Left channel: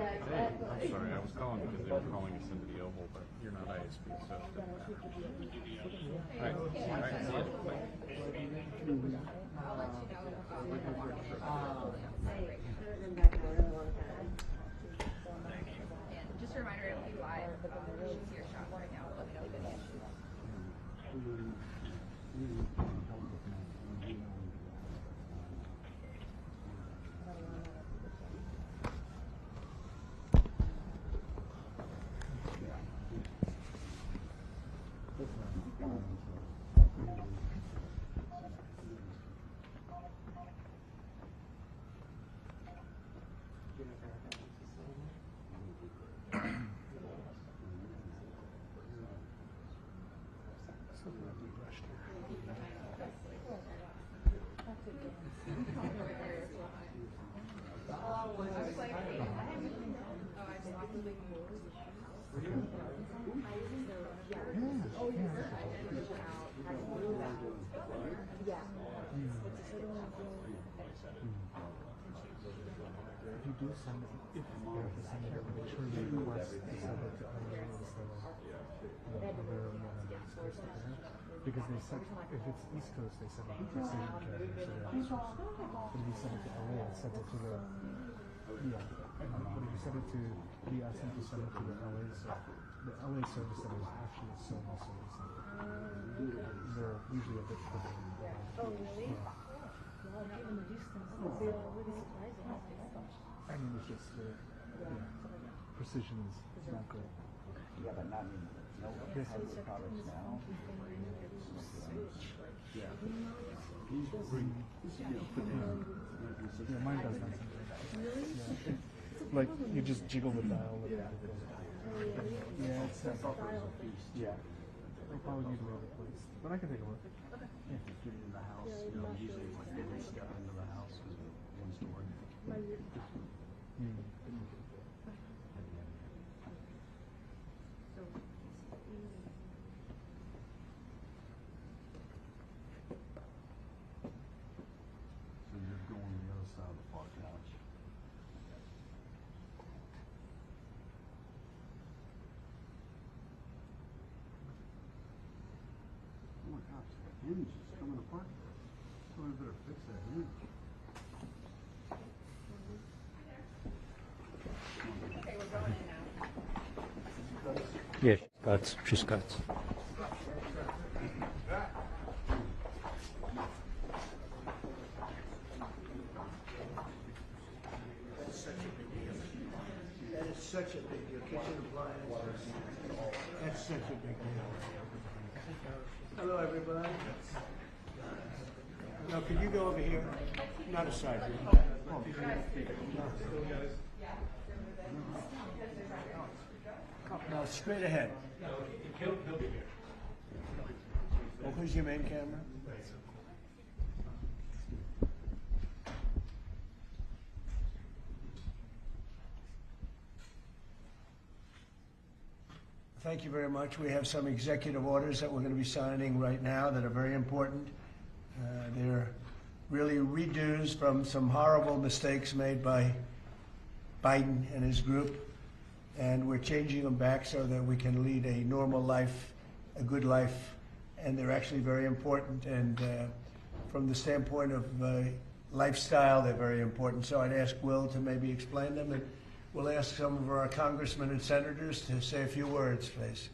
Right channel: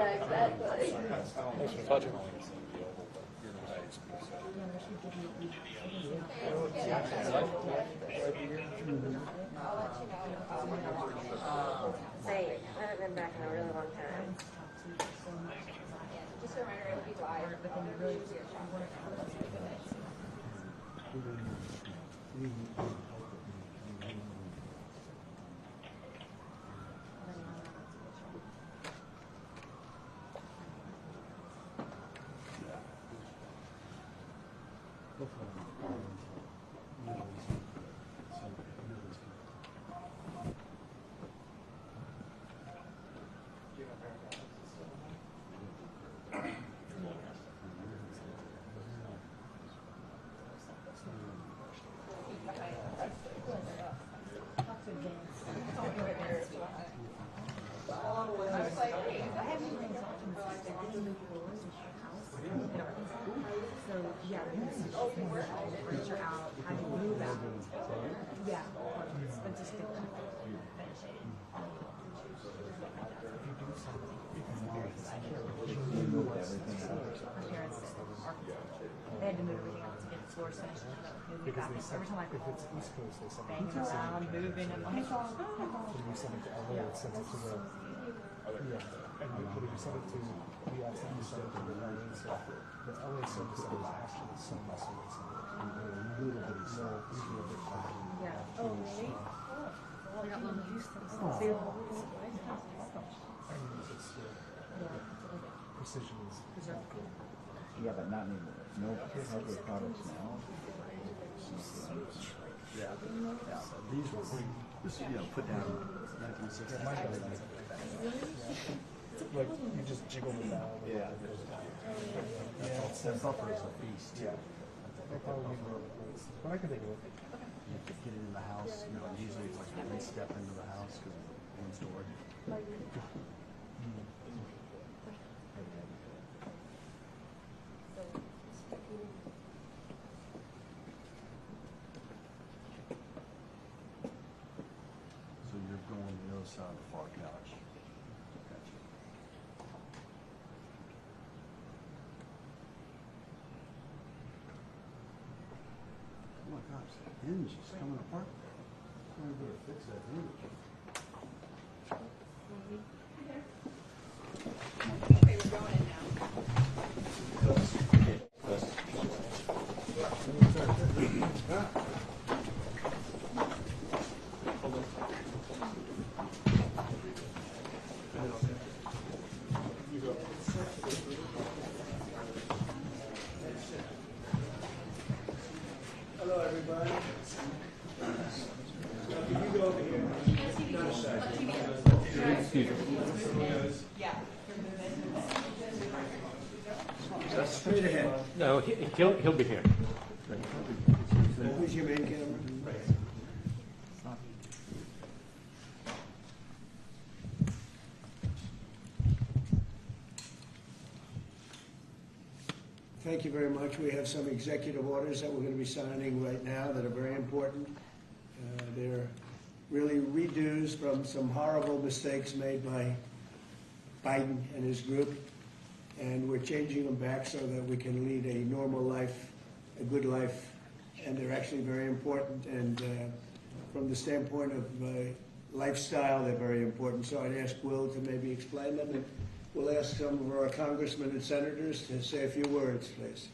Yeah, exactly. Sorry, I was calling it the Oval, but you're not ISP, so. Hey, I haven't been back in a really long time. Just a reminder, it'll be live, but then you really see your shot right now. They had to move it to get the floor space. Because they said, if it's East Coast, they send it to Around, moving, and like, Did you send it to LA or send it to the, yeah, and but if you send it to, we accidentally send it to the LA, so the LA service center is actually so much service center. So usually a bit behind. yeah. Oh, really? We got one in Houston. And it's, precision is not cool. Yeah, but not anymore. No other products now. Yeah. These will be, put down. Yeah, mine does that something. Yeah. Like, you just jiggle it down. Yeah. Yeah, it's That buffer is a beast. yeah. I'll probably leave it on the place. But I can take a look. Get into the house, usually it's like you step into the house because one's door. So you're going to the other side of the far couch. Gotcha. Oh my gosh, that hinge is coming apart. Somebody better fix that hinge. Okay, we're going in now. Yeah, she's got. Hello, everybody. Now, can you go over here? Not a side. Straight ahead. No, he'll be here. Who's your main camera? Thank you very much. We have some executive orders that we're going to be signing right now that are very important. They're really redos from some horrible mistakes made by Biden and his group, and we're changing them back so that we can lead a normal life, a good life, and they're actually very important, and from the standpoint of lifestyle, they're very important. So I'd ask Will to maybe explain them, and we'll ask some of our congressmen and senators to say a few words, please.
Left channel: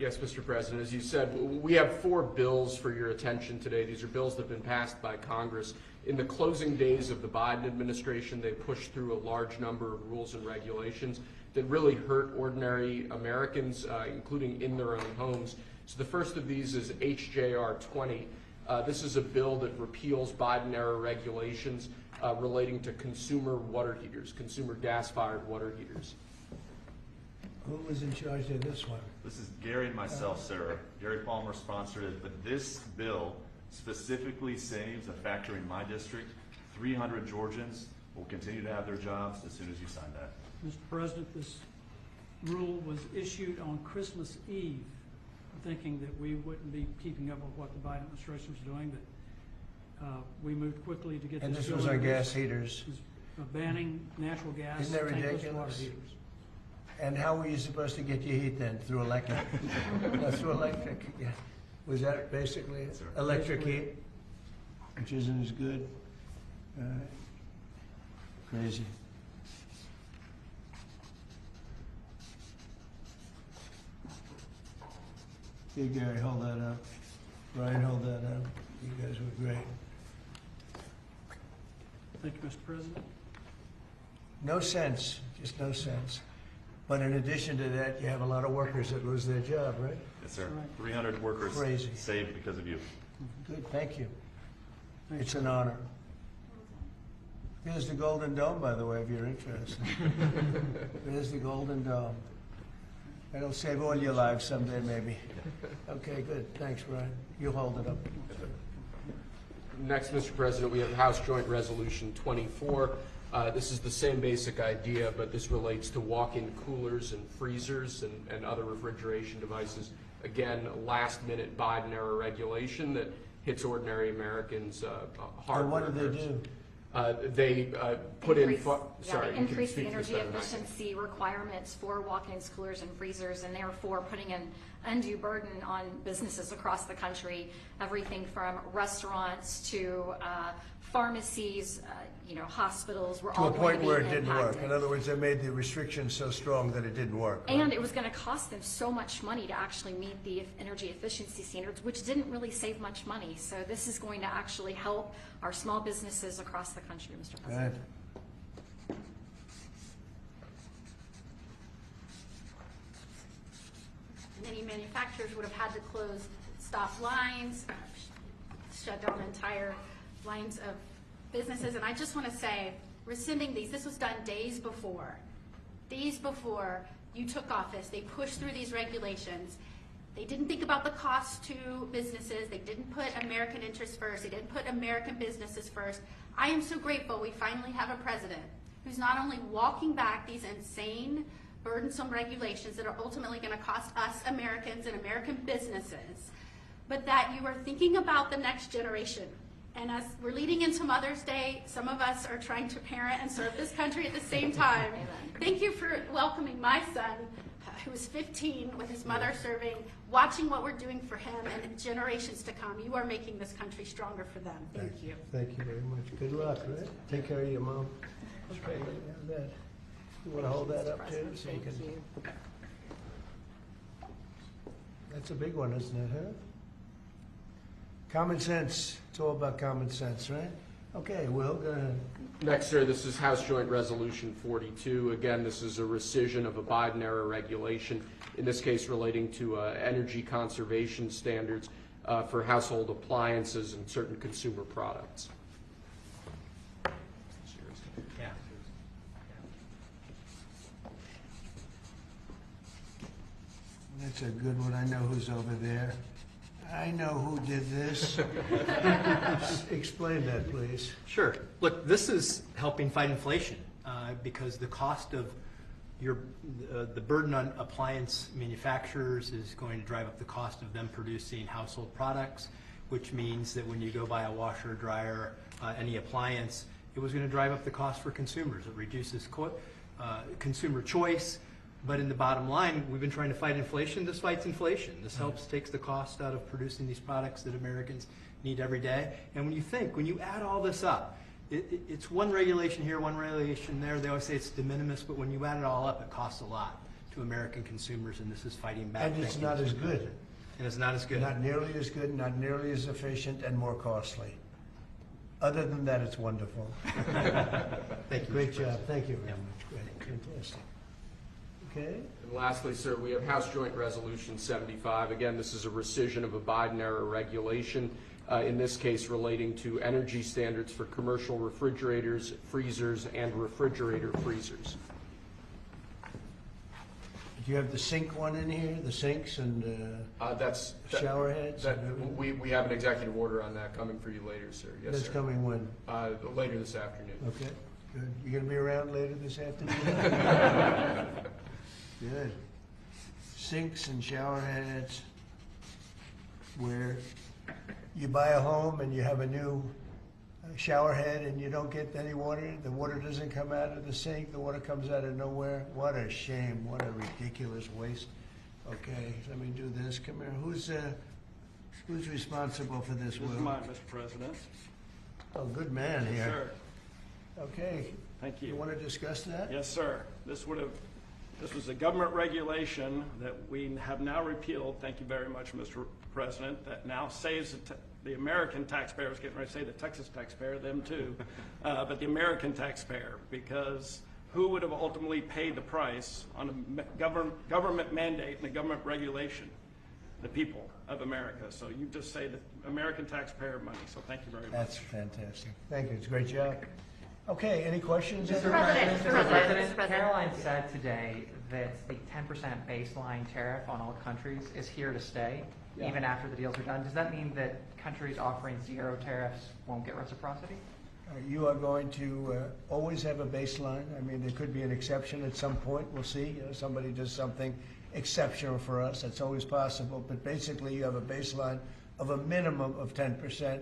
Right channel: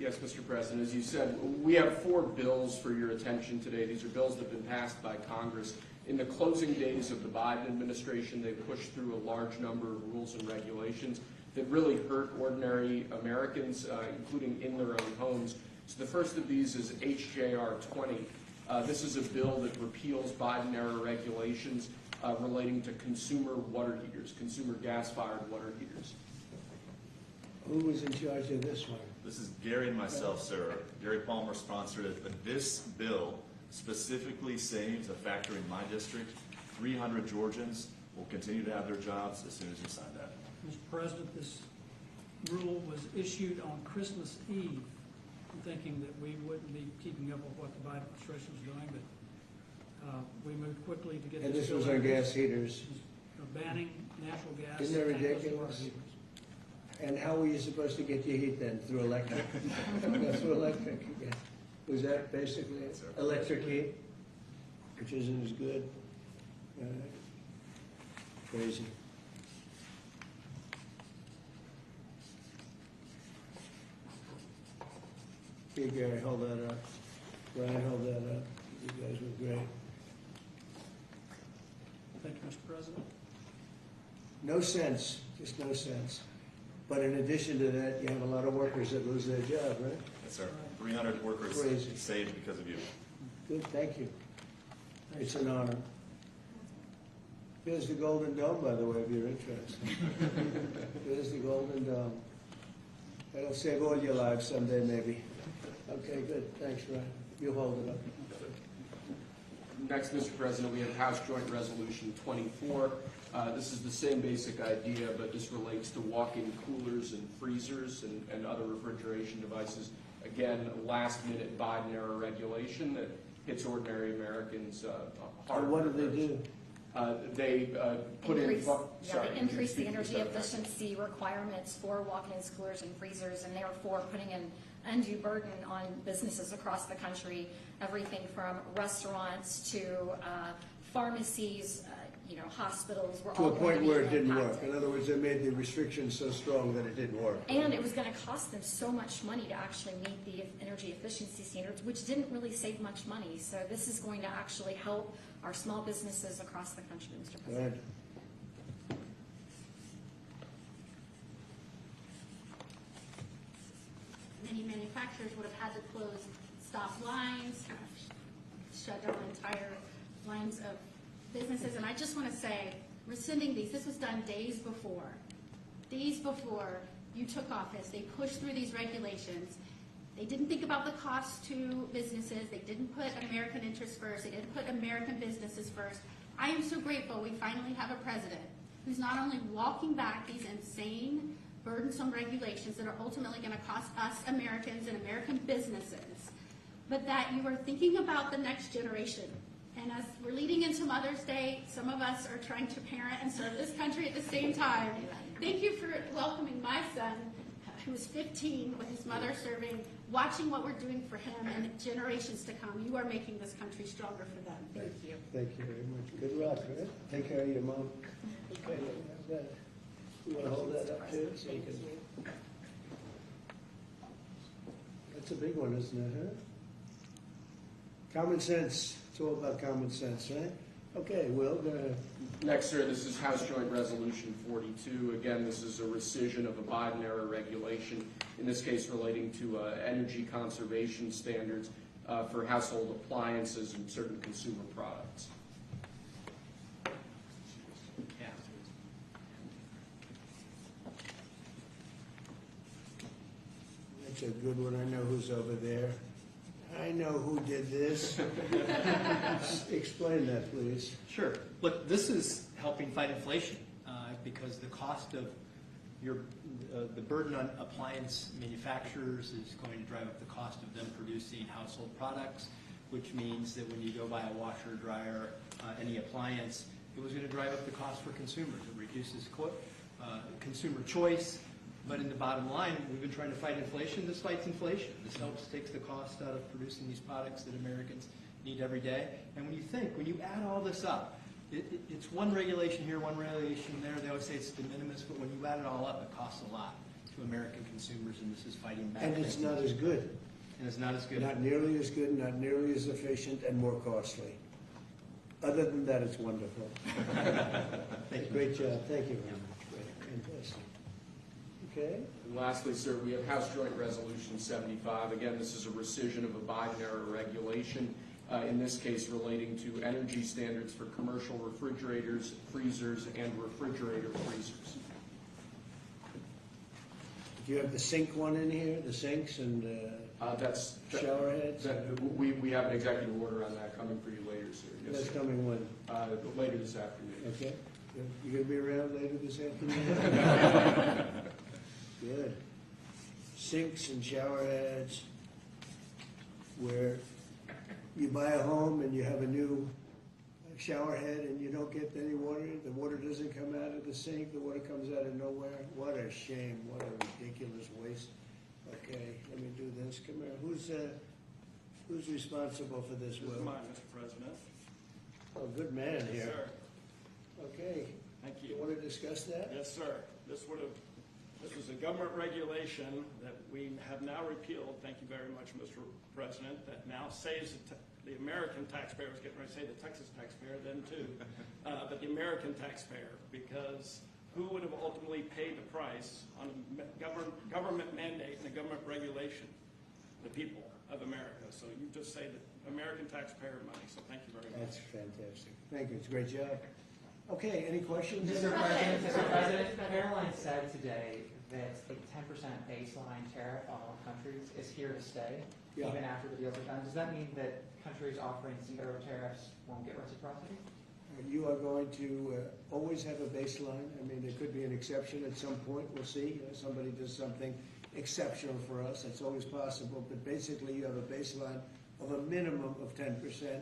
Yes, Mr. President. As you said, we have 4 bills for your attention today. These are bills that have been passed by Congress. In the closing days of the Biden administration, they pushed through a large number of rules and regulations that really hurt ordinary Americans, including in their own homes. So the first of these is HJR 20. This is a bill that repeals Biden-era regulations relating to consumer water heaters, consumer gas-fired water heaters. Who was in charge of this one? This is Gary and myself, sir. Gary Palmer sponsored it, but this bill specifically saves a factory in my district. 300 Georgians will continue to have their jobs as soon as you sign that. Mr. President, this rule was issued on Christmas Eve. I'm thinking that we wouldn't be keeping up with what the Biden administration is doing, but we moved quickly to get And this this was bill on introduced. gas heaters. banning natural gas. Isn't that tankless water ridiculous? heaters. And how were you supposed to get your heat then? Through electric? Through electric, yeah. Was that basically it? Electric heat, which isn't as good? Crazy. Here, Gary, hold that up. Brian, hold that up. You guys were great. Thank you, Mr. President. No sense, just no sense. But in addition to that, you have a lot of workers that lose their job, right? Yes, sir. Right. 300 workers Crazy. saved because of you. Good, thank you. Thank It's an honor. Here's the Golden Dome, by the way, if you're interested. There's the Golden Dome. That'll save all your lives someday, maybe. Okay, good. Thanks, Brian. You hold it up. Next, Mr. President, we have House Joint Resolution 24. This is the same basic idea, but this relates to walk-in coolers and freezers and other refrigeration devices. Again, last-minute Biden-era regulation that hits ordinary Americans hard. And what do they do? They put in. Increase- Sorry, Yeah, they you can increase the speak to energy this better than I can. efficiency requirements for walk-ins, coolers, and freezers, and therefore putting an undue burden on businesses across the country, everything from restaurants to pharmacies, hospitals, were To all a going point to be where it didn't work. impacted. In other words, they made the restrictions so strong that it didn't work. And it was going to cost them so much money to actually meet the energy efficiency standards, which didn't really save much money. So this is going to actually help our small businesses across the country, Mr. President. Good. Many manufacturers would have had to close stop lines, shut down entire lines of businesses. And I just want to say, rescinding these, this was done days before. Days before you took office, they pushed through these regulations. They didn't think about the cost to businesses. They didn't put American interests first. They didn't put American businesses first. I am so grateful we finally have a president who's not only walking back these insane, burdensome regulations that are ultimately going to cost us Americans and American businesses, but that you are thinking about the next generation. And as we're leading into Mother's Day, some of us are trying to parent and serve this country at the same time. Thank you for welcoming my son, who is 15, with his mother serving, watching what we're doing for him and the generations to come. You are making this country stronger for them. Thank you. Thank you very much. Good luck, right? Take care of your mom. Okay, good. You want to hold that up too? So you can. That's a big one, isn't it, huh? Common sense. It's all about common sense, right? Okay, Will, go ahead. Next, sir, this is House Joint Resolution 42. Again, this is a rescission of a Biden-era regulation, in this case relating to energy conservation standards for household appliances and certain consumer products. That's a good one. I know who's over there. I know who did this. Explain that, please. Sure. Look, this is helping fight inflation because the cost of the burden on appliance manufacturers is going to drive up the cost of them producing household products, which means that when you go buy a washer, dryer, any appliance, it was going to drive up the cost for consumers. It reduces consumer choice. But in the bottom line, we've been trying to fight inflation. This fights inflation. This takes the cost out of producing these products that Americans need every day. And when you add all this up, it's one regulation here, one regulation there. They always say it's de minimis, but when you add it all up, it costs a lot to American consumers, and this is fighting back. And it's not as good. And it's not as good. Not nearly as good, not nearly as efficient, and more costly. Other than that, it's wonderful. Thank you. Great job. Thank you very much. Great. Fantastic. Okay. And lastly, sir, we have House Joint Resolution 75. Again, this is a rescission of a Biden-era regulation, in this case relating to energy standards for commercial refrigerators, freezers, and refrigerator freezers. Do you have the sink one in here, the sinks and shower heads? We have an executive order on that coming for you later, sir. Yes, That's sir. coming when? Later this afternoon. Okay, good. You gonna be around later this afternoon? Good. Sinks and shower heads, where you buy a home and you have a new shower head and you don't get any water, the water doesn't come out of the sink, the water comes out of nowhere. What a shame, what a ridiculous waste. Okay, let me do this, come here, who's responsible for this, This is Will? mine, Mr. President. Oh, good man Yes, here. sir. Okay, Thank you you. wanna discuss that? Yes, sir. This was a government regulation that we have now repealed, thank you very much, Mr. President, that now saves the American taxpayer. I was getting ready to say the Texas taxpayer, them too, but the American taxpayer, because who would have ultimately paid the price on a government mandate and a government regulation? The people of America. So you just say the American taxpayer money, so thank you very much. That's fantastic. Thank you, it's a great job. Okay, any questions? Mr. President, President, Caroline said today that the 10% baseline tariff on all countries is here to stay, Yeah. even after the deals are done. Does that mean that countries offering zero tariffs won't get reciprocity? You are going to always have a baseline. I mean, there could be an exception at some point. We'll see. You know, somebody does something exceptional for us. That's always possible. But basically, you have a baseline of a minimum of 10%,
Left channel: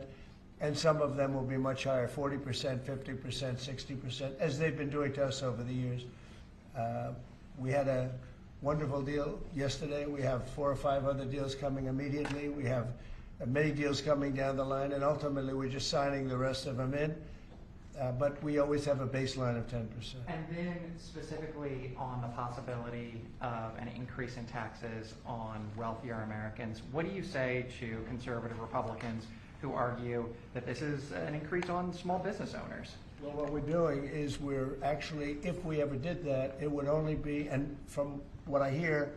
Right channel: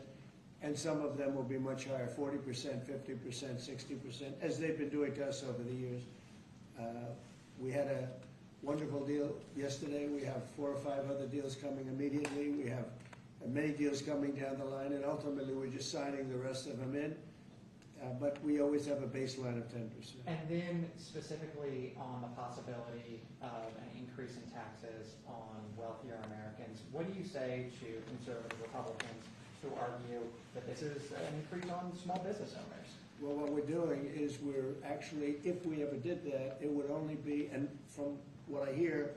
and some of them will be much higher, 40%, 50%, 60%, as they've been doing to us over the years. We had a wonderful deal yesterday. We have 4 or 5 other deals coming immediately. We have many deals coming down the line, and ultimately, we're just signing the rest of them in. But we always have a baseline of 10%. And then specifically on the possibility of an increase in taxes on wealthier Americans, what do you say to conservative Republicans who argue that this is an increase on small business owners? Well, what we're doing is we're actually, if we ever did that, it would only be, and from what I hear,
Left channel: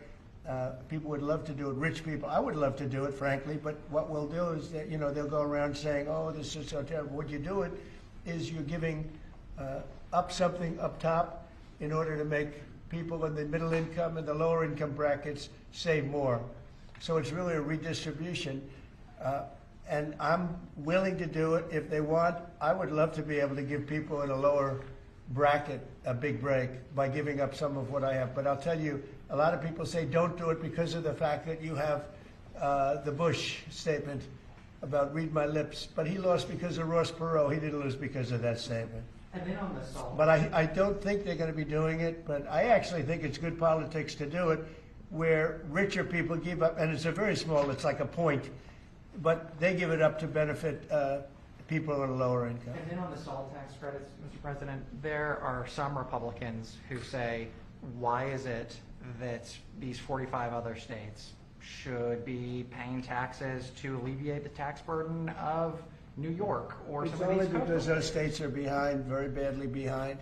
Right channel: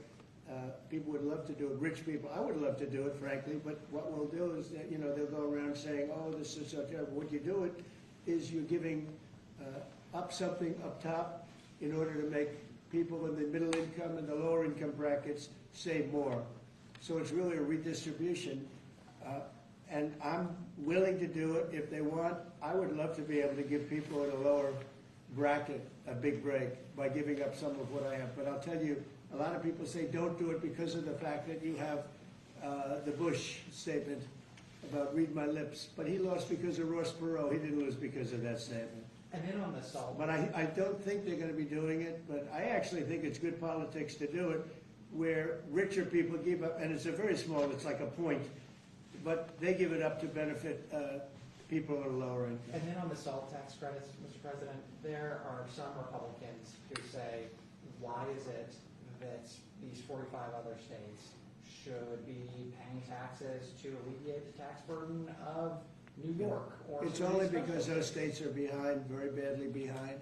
people would love to do it, rich people. I would love to do it, frankly, but what we'll do is that, you know, they'll go around saying, oh, this is so terrible. Would you do it? Is you're giving up something up top in order to make people in the middle income and the lower income brackets save more. So it's really a redistribution. And I'm willing to do it if they want. I would love to be able to give people in a lower bracket a big break by giving up some of what I have. But I'll tell you, a lot of people say don't do it because of the fact that you have the Bush statement about read my lips, but he lost because of Ross Perot. He didn't lose because of that statement. And then on the salt. But I don't think they're going to be doing it, but I actually think it's good politics to do it where richer people give up, and it's a very small, it's like a point, but they give it up to benefit people on a lower income. And then on the salt tax credits, Mr. President, there are some Republicans who say, why is it that these 45 other states should be paying taxes to alleviate the tax burden of New York or It's some of only these because coastal those states are behind, very badly behind,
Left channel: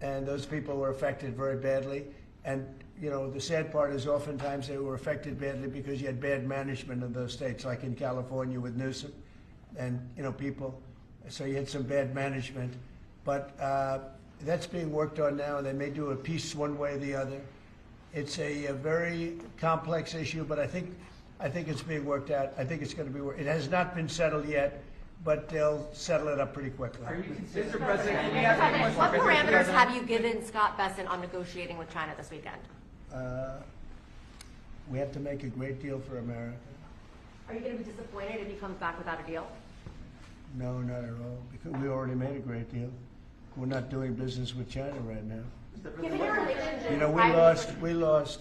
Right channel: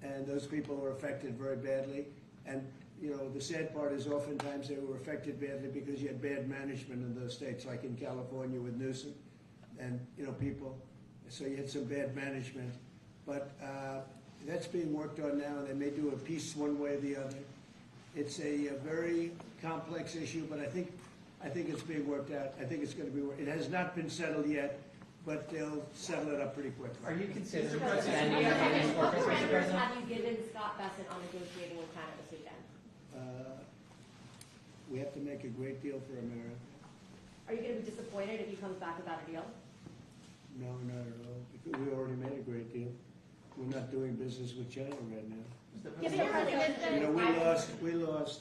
and those people were affected very badly. And, you know, the sad part is oftentimes they were affected badly because you had bad management in those states, like in California with Newsom and, you know, people. So you had some bad management. But that's being worked on now, and they may do a piece one way or the other. It's a very complex issue, but I think it's being worked out. I think it's going to be worked. It has not been settled yet, but they'll settle it up pretty quickly. Are you considering? Mr. President, can we ask what parameters have you given Scott Bessent on negotiating with China this weekend? We have to make a great deal for America. Are you going to be disappointed if he comes back without a deal? No, not at all, because we already made a great deal. We're not doing business with China right now. You know, we lost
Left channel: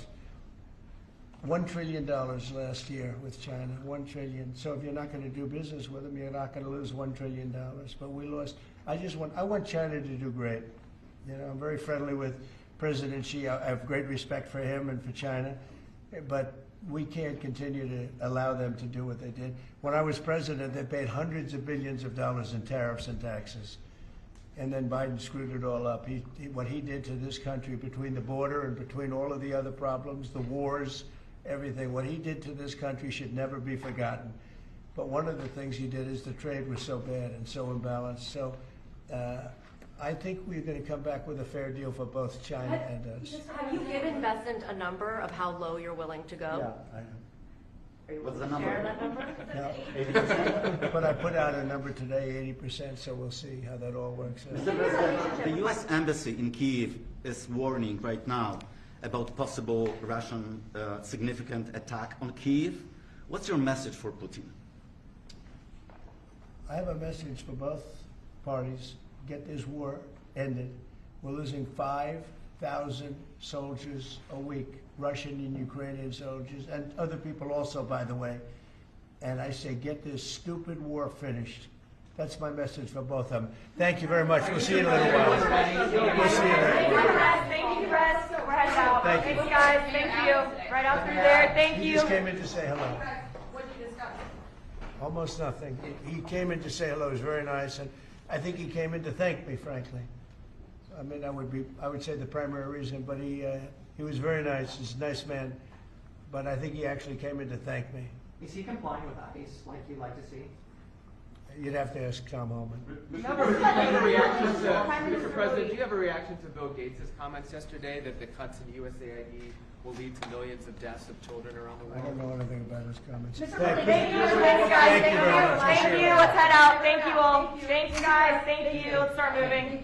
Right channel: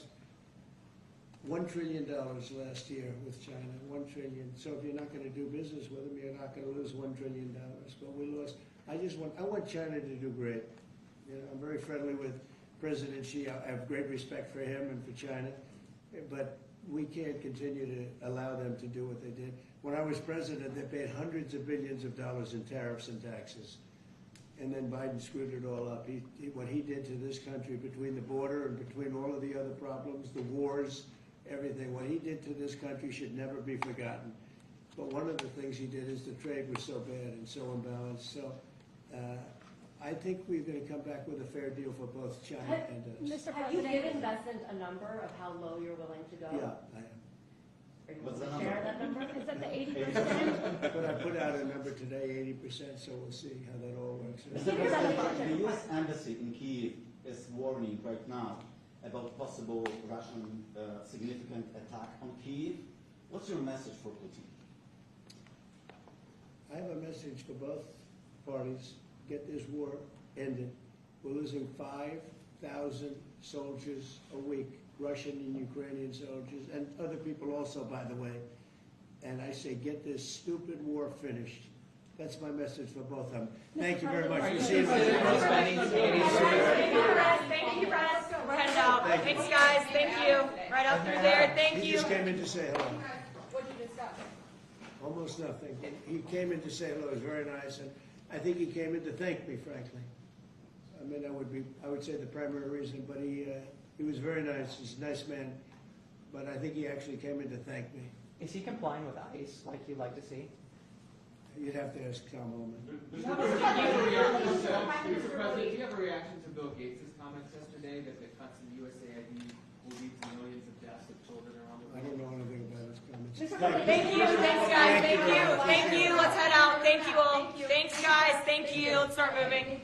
$1 trillion last year with China, $1 trillion. So if you're not going to do business with them, you're not going to lose $1 trillion. But we lost. I want China to do great. You know, I'm very friendly with President Xi. I have great respect for him and for China, but we can't continue to allow them to do what they did. When I was president, they paid hundreds of billions of dollars in tariffs and taxes. And then Biden screwed it all up. What he did to this country between the border and between all of the other problems, the wars, everything, what he did to this country should never be forgotten. But one of the things he did is the trade was so bad and so imbalanced. So I think we're going to come back with a fair deal for both China and us. Have you given Bessent a number of how low you're willing to go? Yeah, I am. Are you What's willing the to number? share that number? Is it No. 80%? But I put out a number today, 80%, so we'll see how that all works out. Mr. President, the U.S. Embassy in Kyiv is warning right now about possible Russian significant attack on Kyiv. What's your message for Putin? I have a message for both parties get this war ended. We're losing 5,000 soldiers a week, Russian and Ukrainian soldiers, and other people also, by the way. And I say, get this stupid war finished. That's my message for both of them. Thank you very much. We'll see you in a little while. We'll see you in a little while. Thank you, Russ. We're heading out. Thank you. Thanks, guys. Thank you. Right out through there. Thank He you. just came in to say hello. What did you discuss? Almost nothing. He came in to say hello. It was very nice, and I think he came in to thank me, frankly. I mean, I would say the primary reason, but he was very nice. He's a nice man, but I think he actually came in to thank me. Is he complying with ICE like you'd like to see? You'd have to ask Tom Holman. Mr. President, do you have a reaction to Bill Gates' comments yesterday that the cuts in USAID will lead to millions of deaths of children around the I world? don't know anything about his comments. Thank you. Thanks, guys. Thank you. Thank you. Let's head out. Thank you all. Thanks, guys. Thank you. Let's start moving.